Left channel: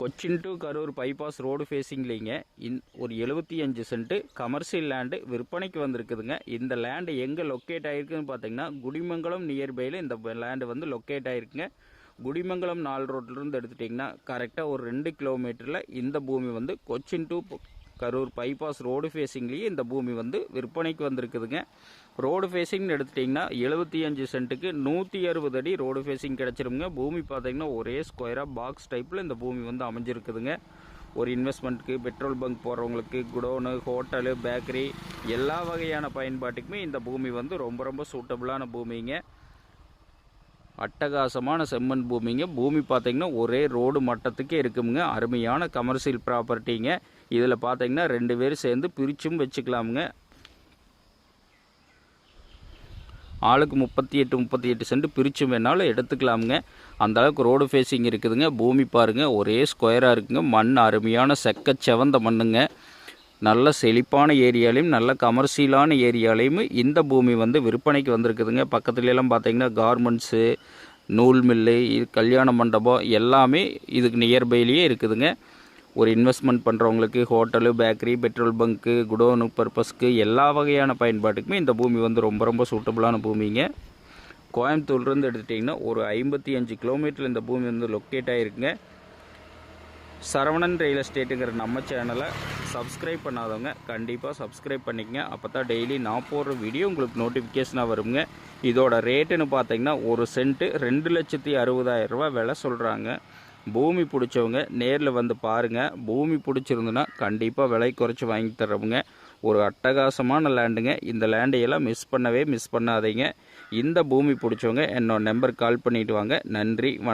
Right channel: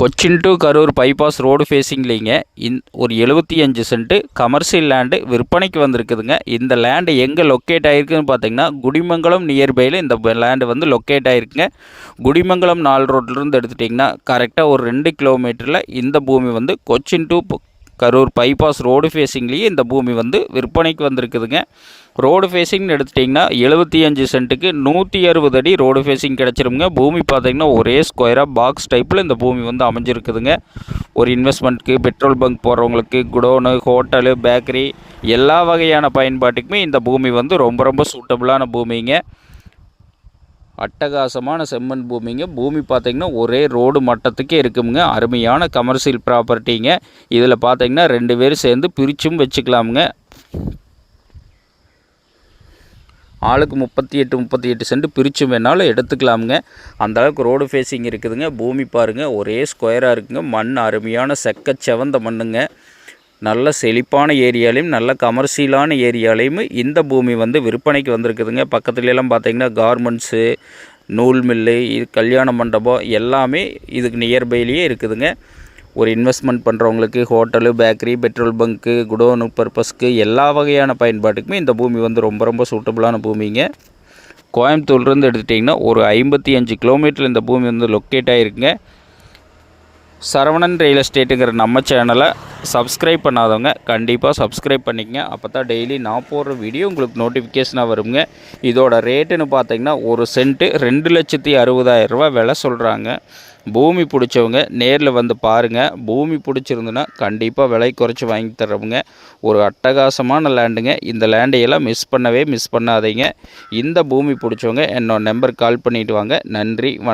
Cochin to Karur bypass road ஃபேஸிங்லிங்க ஒரு 75 cent commercial land விற்பனைக்கு வந்திருக்குதுங்க. இந்த லேண்டு எங்கே லொக்கேட் ஆகிருக்குன்னு பார்த்தீங்கன்னா குடிமங்கலம் நியர்பையில் இந்த லேண்டு வந்து லொக்கேட் ஆகிருக்குங்க. குடிமங்கலம் 4 ரோட்லேருந்து எடுத்துட்டிங்கன்னா கரெக்டாக ஒரு 2 கிலோமீட்டரில் இந்த பூமி வந்து Cochin to Karur bypass road ஃபேஸிங்லேயே இந்த பூமி வந்து விற்பனைக்கு வந்திருக்குதுங்க. ரோடு ஃபேஸிங்னு எடுத்துட்டிங்கன்னா 75 சென்ட்டுக்கு 160 அடி ரோடு ஃபேஸிங் கிடச்சிருங்க. பூமி பார்த்திங்கன்னா ஒரே ஸ்கொயராக பாக்ஸ் டைப்பில் இந்த பூமி வந்து அமைஞ்சிருக்குதுங்க. ஒரு இன்வெஸ்ட்மெண்ட்டுக்கு, பெட்ரோல் பங்க் போகிறவங்களுக்கு, குடோனு, ஹோட்டலு, பேக்கரி எல்லா வகையான பயன்பாட்டுக்குமே இந்த பூமி வந்து ரொம்ப சூட்டபுளான பூமிங்க. அட்டகாசமான செம்மண் பூமிங்க. பூமி பார்த்திங்கன்னா ஒரே ரோடு மட்டத்துக்கே இருக்குங்க. அருமையான கமர்ஷியல் ப்ராப்பர்ட்டிங்க. இதில் பார்த்திங்கன்னா 2 பேர் சேர்ந்து பிரிச்சும் வச்சுக்கலாமுங்க. ஆளுக்கு 38 சென்ட் பிரித்து வேணாலும் எடுத்துக்கலாமுங்க. அந்தளவுக்கு ரோடு ஃபேஸிங் இருக்குதுங்க. பூமி பாருங்கள் ஒரே ஸ்கொயராக இருக்குங்க. மண் அருமையான செவந்த மண்ணுங்க. நல்ல செழிப்பான ஏரியாலையும் நல்ல கமர்ஷியலான ஏரியாலையும் இந்த பூமி வந்து விற்பனைக்கு வந்திருக்குதுங்க. பக்கத்துலலாம் பார்த்திங்கன்னா கார்மெண்ட்ஸு, நூல் மில்லு, கல்யாண மண்டபம் எல்லாமே இதுக்கு நியர்பைலேயே இருக்குதுங்க. ஒரு இன்வெஸ்ட்மெண்ட் பண்ணுறவங்களுக்கு, ஹோட்டலு, பேக்கரி, பெட்ரோல் பங்க்கு, குடோனு பர்பஸ்க்கு எல்லா வகையான பயன்பாட்டுக்குமே இந்த பூமி வந்து ரொம்ப சூட்டபுளான பூமிங்க. கோயம்புத்தூர்லேருந்து எடுத்துட்டிங்கன்னா ஒரு 55 கிலோமீட்டர் இந்த பூமி வந்து லொக்கேட் ஆகிருக்குங்க. சரவணன் ரியல் எஸ்டேட்டுங்கிற நம்ம சேனலை சப்ஸ்கிரைப் பண்ணாதவங்க கண்டிப்பாக சப்ஸ்கிரைப் பண்ணிக்கங்க. அப்போ தான் டெய்லி நான் போடுற வீடியோ உங்களுக்கு நோட்டிஃபிகேஷனாக வருங்க. இதோட ரேட்டுன்னு பார்த்தீங்கன்னா ஒரு சென்ட்டு 2,60,000 ரூபா விலை சொல்கிறாங்க. பூமி பிடிச்சவங்க நேரில் வந்து பாருங்கள். பூமி பிடிச்சிருந்துன்னா கண்டிப்பாக விலை குறைச்சி வாங்கி தர்றவங்க. ஒரு அட்டகாசமான லேண்டுங்க. இந்த லேண்டையெல்லாம் மிஸ் பண்ணாதீங்க. இந்த பூமி பிடிச்சவங்க என்னோட நம்பருக்கு கால் பண்ணிவிட்டு வாங்க. நன்றி, வணக்கம்.